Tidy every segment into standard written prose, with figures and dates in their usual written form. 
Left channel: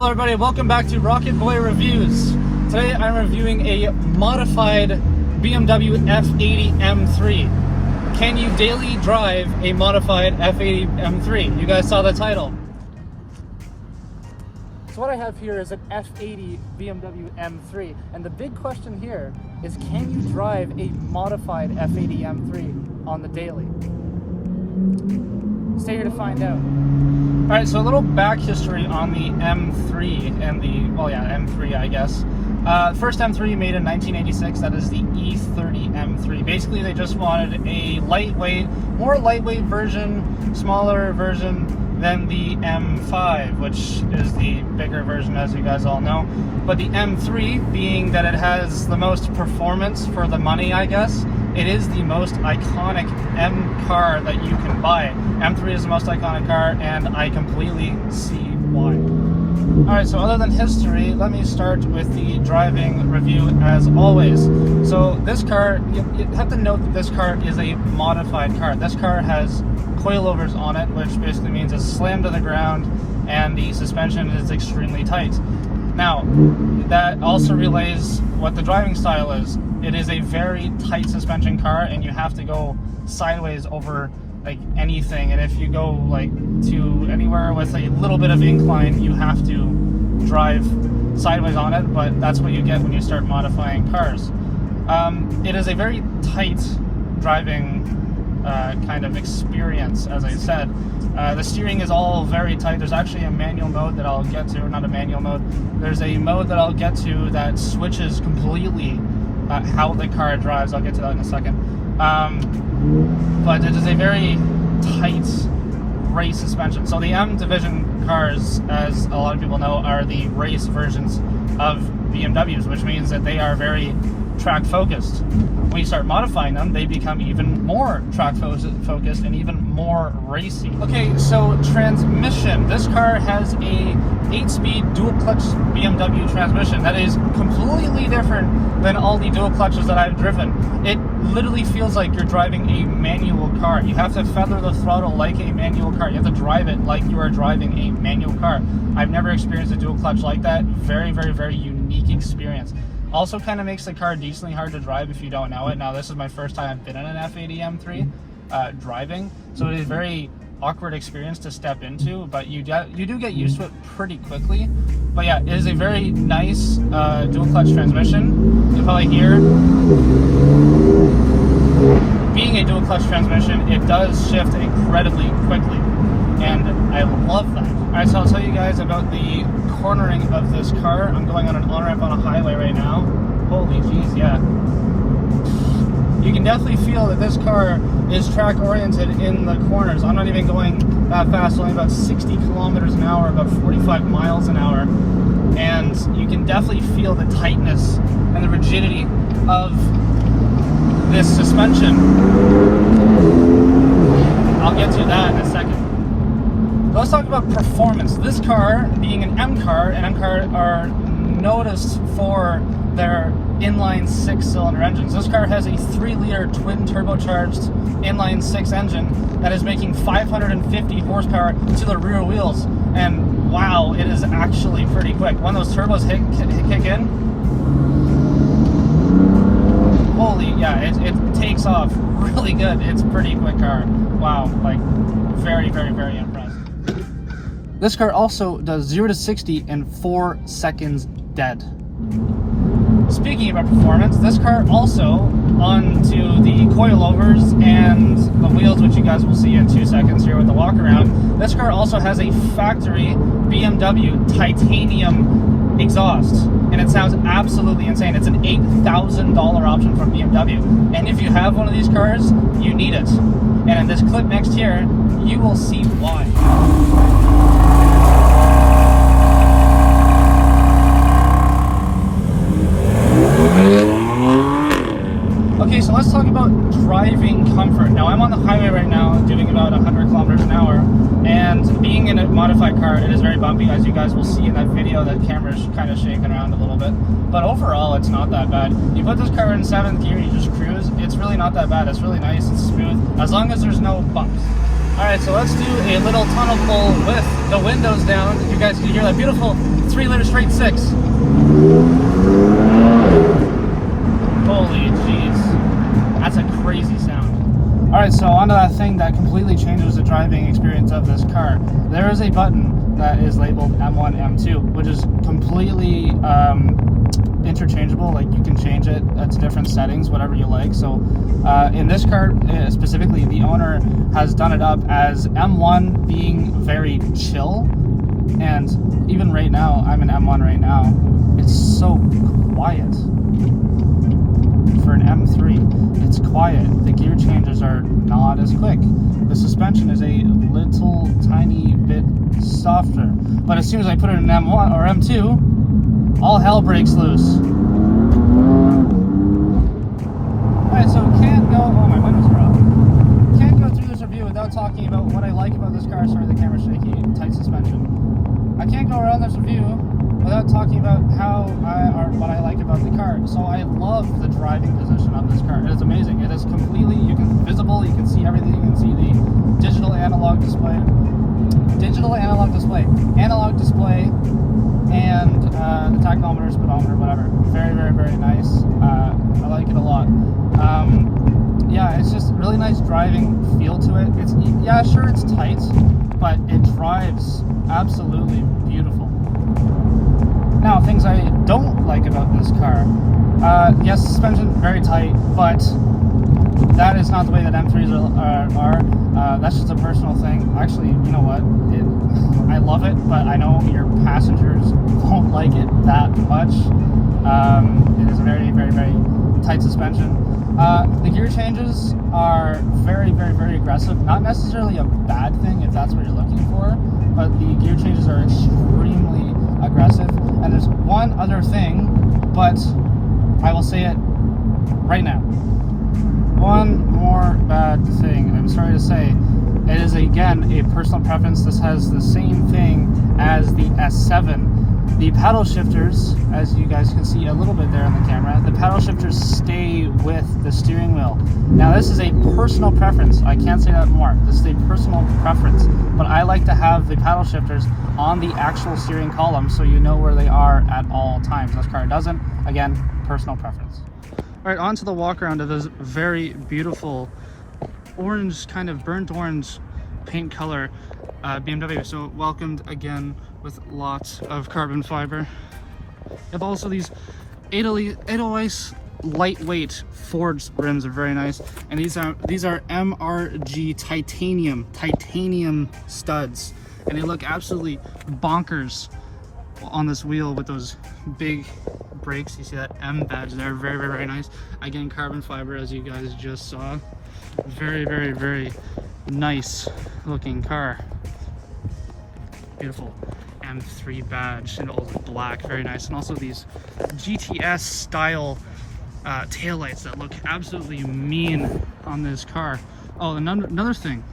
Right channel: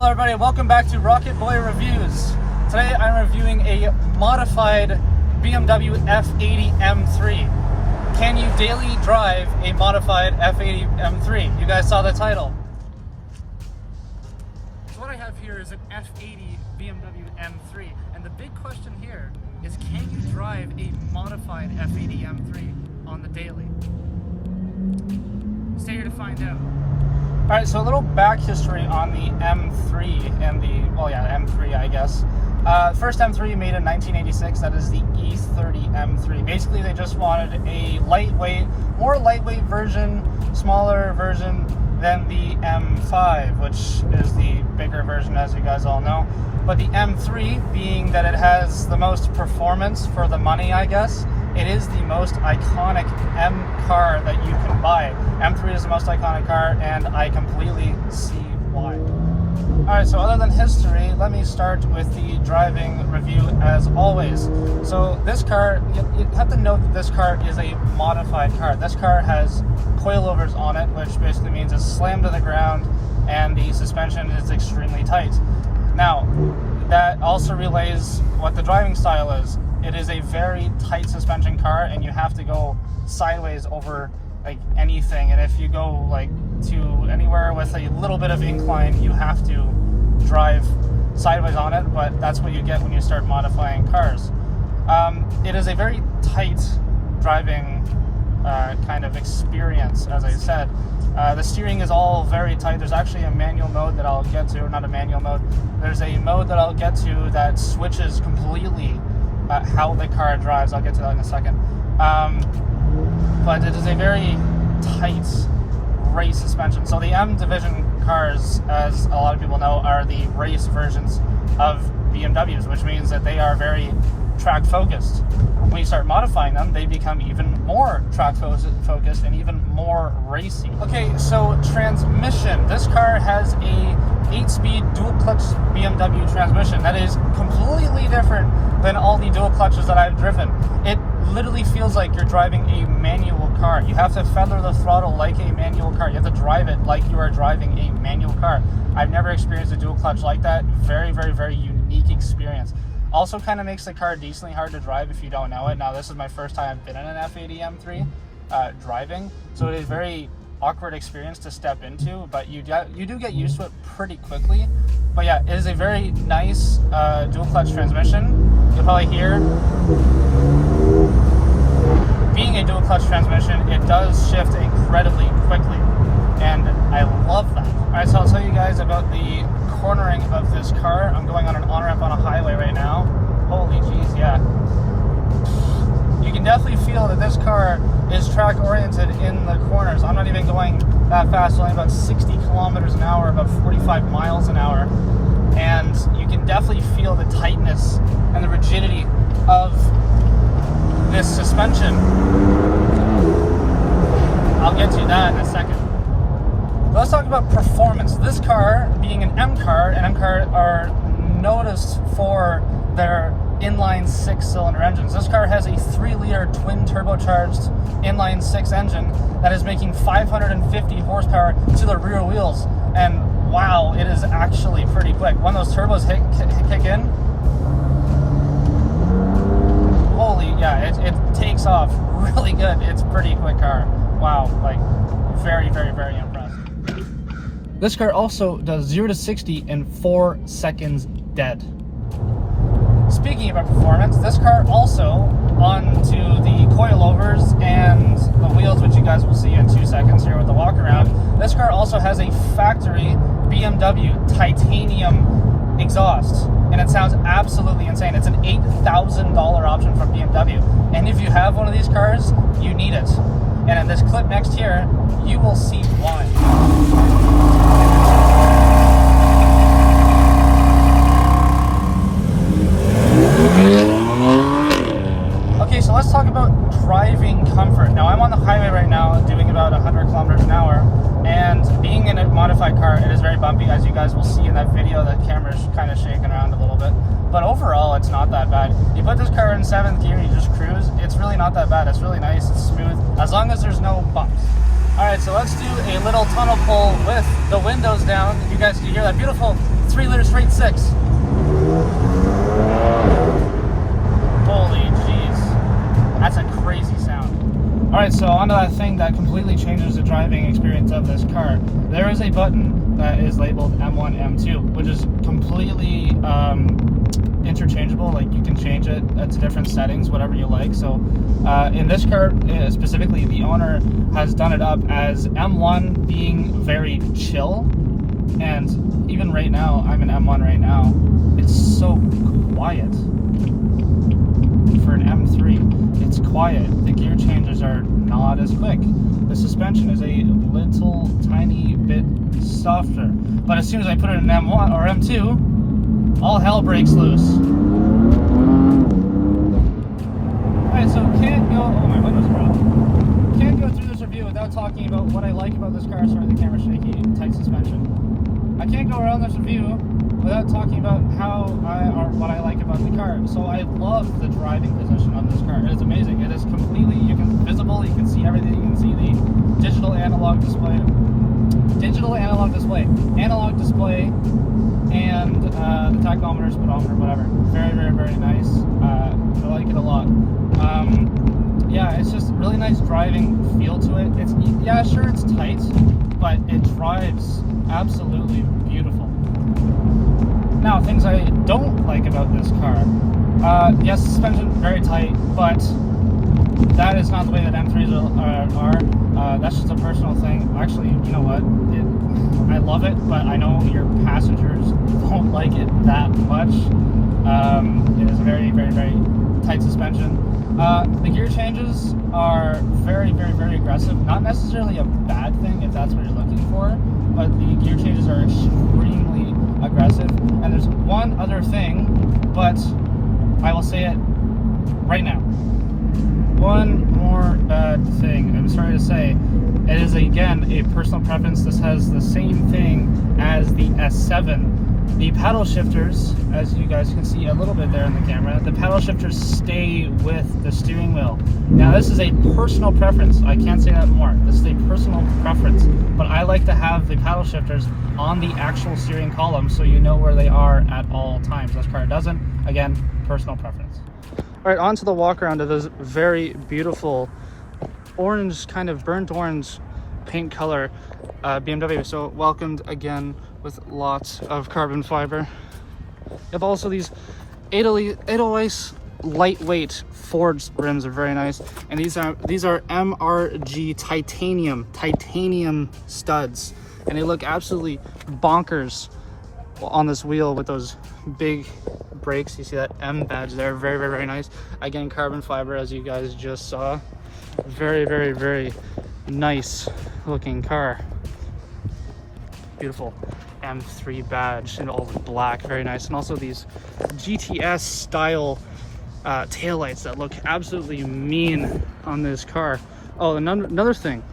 Hello everybody, welcome back to Rocket Boy Reviews. Today I'm reviewing a modified BMW F80 M3. Can you daily drive a modified F80 M3? You guys saw the title. So what I have here is an F80 BMW M3, and the big question here is, can you drive a modified F80 M3 on the daily? Stay here to find out. Alright, so a little back history on the M3 and the, M3 I guess. First M3 made in 1986, that is the E30 M3. Basically they just wanted a more lightweight version, smaller version than the M5, which is the bigger version as you guys all know. But the M3, being that it has the most performance for the money I guess, it is the most iconic M car that you can buy. M3 is the most iconic car, and I completely see why. Alright, so other than history, let me start with the driving review as always. So this car, you have to note that this car is a modified car. This car has coilovers on it, which basically means it's slammed to the ground and the suspension is extremely tight. Now, that also relays what the driving style is. It is a very tight suspension car, and you have to go sideways over like anything, and if you go like to anywhere with a little bit of incline, you have to drive sideways on it, but that's what you get when you start modifying cars. It is a very tight driving kind of experience, as I said. The steering is all very tight. There's actually a manual mode that I'll get to, or not a manual mode, there's a mode that I'll get to that switches completely how the car drives. I'll get to that in a second. But it is a very tight race suspension. So the M division cars, as a lot of people know, are the race versions of BMWs, which means that they are very track focused. When you start modifying them, they become even more track focused and even more racy. Okay, so transmission. This car has a 8-speed dual clutch BMW transmission that is completely different than all the dual clutches that I've driven. It literally feels like you're driving a manual car. You have to feather the throttle like a manual car. You have to drive it like you are driving a manual car. I've never experienced a dual clutch like that. Very, very, very unique experience. Also kind of makes the car decently hard to drive if you don't know it. Now, this is my first time I've been in an F80 M3 driving, so it is a very awkward experience to step into, but you do get used to it pretty quickly. But yeah, it is a very nice dual clutch transmission. You'll probably hear, being a dual clutch transmission, it does shift incredibly quickly, and I love that. Alright, so I'll tell you guys about the cornering of this car. I'm going on an on-ramp on a highway right now. Holy jeez, yeah. You can definitely feel that this car is track oriented in the corners. I'm not even going that fast, only about 60 kilometers an hour, about 45 miles an hour. And you can definitely feel the tightness and the rigidity of this suspension. I'll get to that in a second. Let's talk about performance. This car, being an M car, and M cars are noticed for their inline 6-cylinder engines. This car has a 3-liter twin turbocharged inline 6 engine that is making 550 horsepower to the rear wheels. And wow, it is actually pretty quick. When those turbos kick in, holy, yeah, it takes off really good. It's a pretty quick car. Wow, like very, very, very impressive. This car also does 0 to 60 in 4 seconds dead. Speaking about performance, this car also, onto the coilovers and the wheels, which you guys will see in 2 seconds here with the Walkaround, this car also has a factory BMW titanium exhaust, and it sounds absolutely insane. It's an $8,000 option from BMW, and if you have one of these cars, you need it. And in this clip next here, you will see why. Okay, so let's talk about driving comfort. Now, I'm on the highway right now doing about 100 kilometers an hour, and being in a modified car, it is very bumpy, as you guys will see in that video. The camera's kind of shaking around a little bit, but overall it's not that bad. You put this car in 7th gear, you just cruise, it's really not that bad. It's really nice and smooth, as long as there's no bumps. Alright, so let's do a little tunnel pull with the windows down. You guys can hear that beautiful 3-liter straight 6. Holy jeez. That's a crazy sound. Alright, so onto that thing that completely changes the driving experience of this car. There is a button that is labeled M1, M2, which is completely interchangeable. Like, you can change it to different settings, whatever you like. So in this car specifically, the owner has done it up as M1 being very chill, and even right now, I'm in M1 right now, it's so quiet. For an M3, it's quiet. The gear changes are not as quick. The suspension is a little tiny bit softer, but as soon as I put it in M1 or M2, all hell breaks loose. Alright, so can't go, oh, my windows are up. Can't go through this review without talking about what I like about this car. Sorry, the camera's shaky, tight suspension. I can't go around this review without talking about what I like about the car. So I love the driving position on this car. It is amazing. It is completely, you can visible, you can see everything, you can see the digital analog display, analog display, and the tachometer, speedometer, whatever. Very, very, very nice. I like it a lot. Yeah, it's just really nice driving feel to it. It's, yeah, sure, it's tight, but it drives absolutely beautiful. Now, things I don't like about this car. Yes, suspension, very tight, but that is not the way that M3s are. That's just a personal thing. Actually, you know what? I love it, but I know your passengers won't like it that much. It is a very, very, very tight suspension. The gear changes are very, very, very aggressive. Not necessarily a bad thing if that's what you're looking for, but the gear changes are extremely aggressive. And there's one other thing, but I will say it right now. One more bad thing, I'm sorry to say. It is, again, a personal preference. This has the same thing as the S7. The paddle shifters, as you guys can see a little bit there on the camera, the paddle shifters stay with the steering wheel. Now, this is a personal preference. I can't say that more. This is a personal preference. But I like to have the paddle shifters on the actual steering column so you know where they are at all times. This car doesn't. Again, personal preference. All right, on to the walk around of this very beautiful orange, kind of burnt orange paint color BMW. So welcomed again with lots of carbon fiber. You have also these 808 lightweight forged rims are very nice, and these are MRG titanium studs, and they look absolutely bonkers on this wheel with those big brakes. You see that M badge there, very, very, very nice. Again, carbon fiber, as you guys just saw. Very, very, very nice looking car. Beautiful M3 badge in all black, very nice. And also these GTS style taillights that look absolutely mean on this car. Oh, another thing.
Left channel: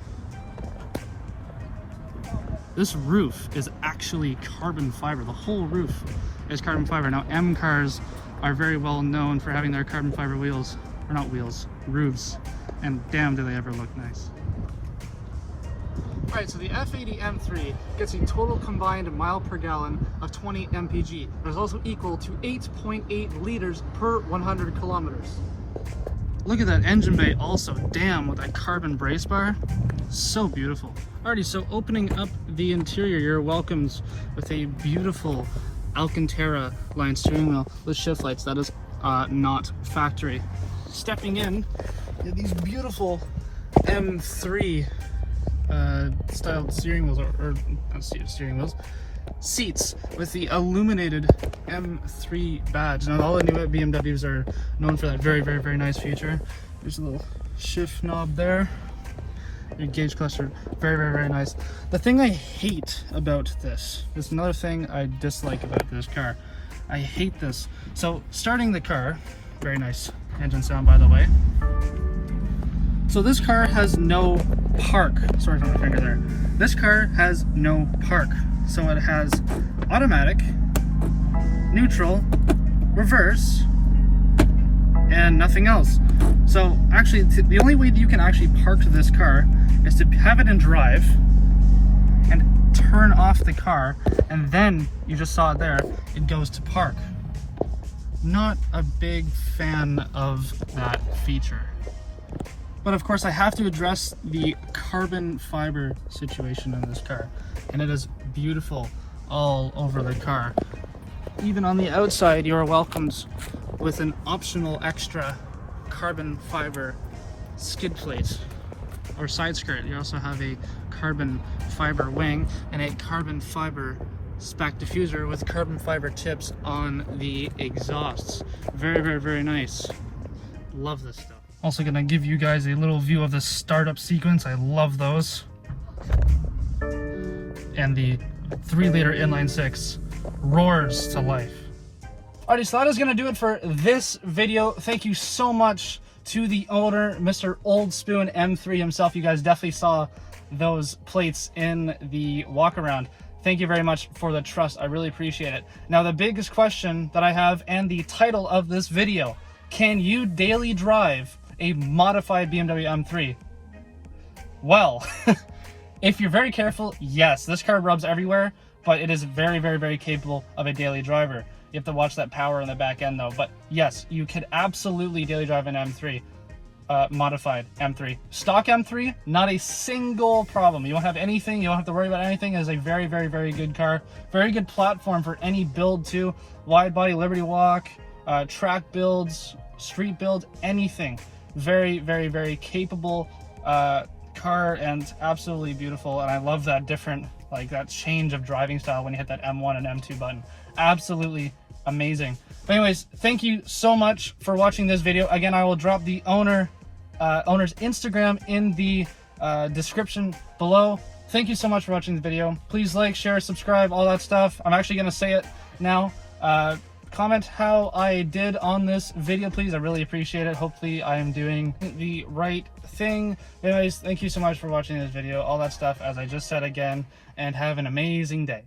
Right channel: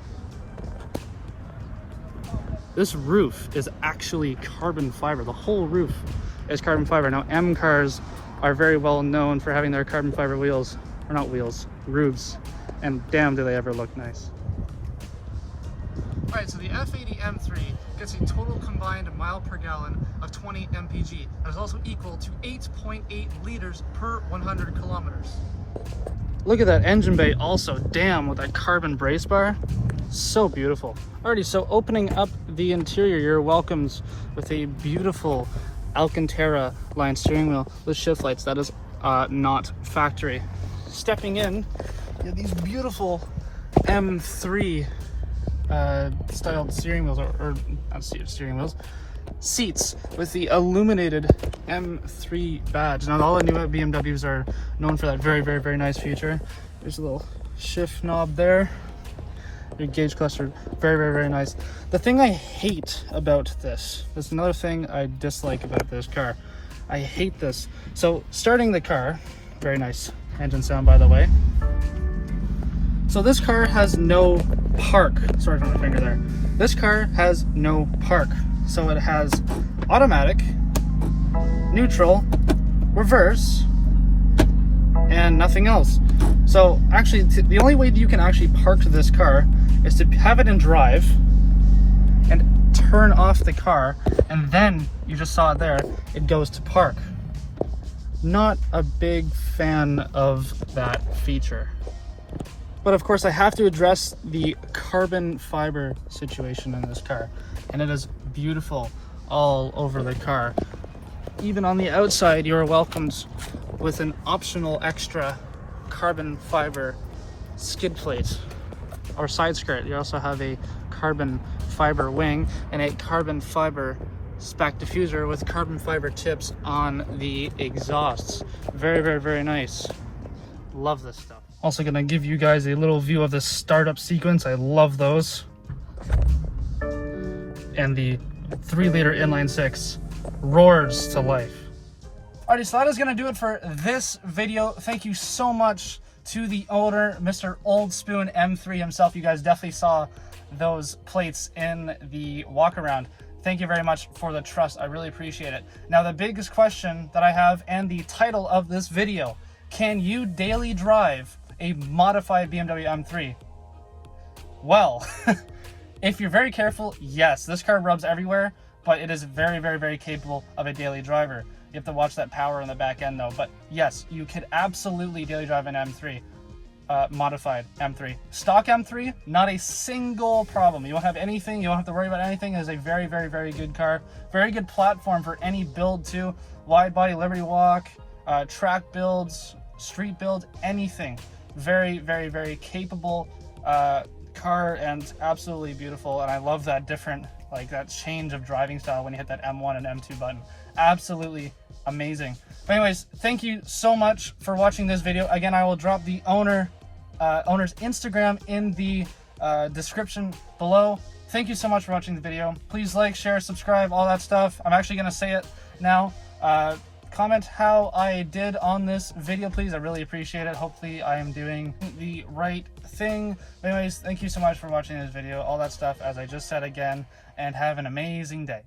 This roof is actually carbon fiber. The whole roof is carbon fiber. Now, M cars are very well known for having their carbon fiber wheels, or not wheels, roofs. And damn, do they ever look nice. Alright, so the F80 M3 gets a total combined mile per gallon of 20 mpg. That is also equal to 8.8 liters per 100 kilometers. Look at that engine bay also, damn, with that carbon brace bar. So beautiful. Alrighty, so opening up the interior, you're welcomed with a beautiful Alcantara line steering wheel with shift lights. That is not factory. Stepping in, you have these beautiful M3 styled steering wheels, or not steering wheels, seats with the illuminated M3 badge. Now, all the new BMWs are known for that very, very, very nice feature. There's a little shift knob there. Your gauge cluster, very, very, very nice. The thing I hate about this is another thing I dislike about this car. I hate this. So, starting the car, very nice engine sound, by the way. So this car has no park. Sorry for my finger there. This car has no park. So it has automatic, neutral, reverse, and nothing else. So actually, the only way you can actually park this car is to have it in drive and turn off the car, and then you just saw it there, it goes to park. Not a big fan of that feature. But of course I have to address the carbon fiber situation in this car, and it is beautiful all over the car. Even on the outside, you are welcomed with an optional extra carbon fiber skid plate or side skirt. You also have a carbon fiber wing and a carbon fiber spec diffuser with carbon fiber tips on the exhausts. Very, very, very nice. Love this stuff. Also gonna give you guys a little view of the startup sequence. I love those. And the 3-liter inline 6 roars to life. Alrighty, so that is gonna do it for this video. Thank you so much to the owner, Mr. Old Spoon M3 himself. You guys definitely saw those plates in the Walkaround. Thank you very much for the trust. I really appreciate it. Now, the biggest question that I have, and the title of this video, can you daily drive a modified BMW M3? Well, if you're very careful, yes, this car rubs everywhere, but it is very, very, very capable of a daily driver. You have to watch that power in the back end though. But yes, you could absolutely daily drive an M3, modified M3. Stock M3, not a single problem. You won't have anything, you don't have to worry about anything. It is a very, very, very good car. Very good platform for any build too. Wide body, Liberty Walk, track builds, street build, anything. Very, very, very capable car, and absolutely beautiful. And I love that different, like that change of driving style when you hit that M1 and M2 button. Absolutely amazing. But anyways, thank you so much for watching this video. Again, I will drop the owner's Instagram in the description below. Thank you so much for watching the video. Please like, share, subscribe, all that stuff. I'm actually gonna say it now. Comment how I did on this video, please. I really appreciate it. Hopefully I am doing the right thing. Anyways, thank you so much for watching this video, all that stuff, as I just said again, and have an amazing day.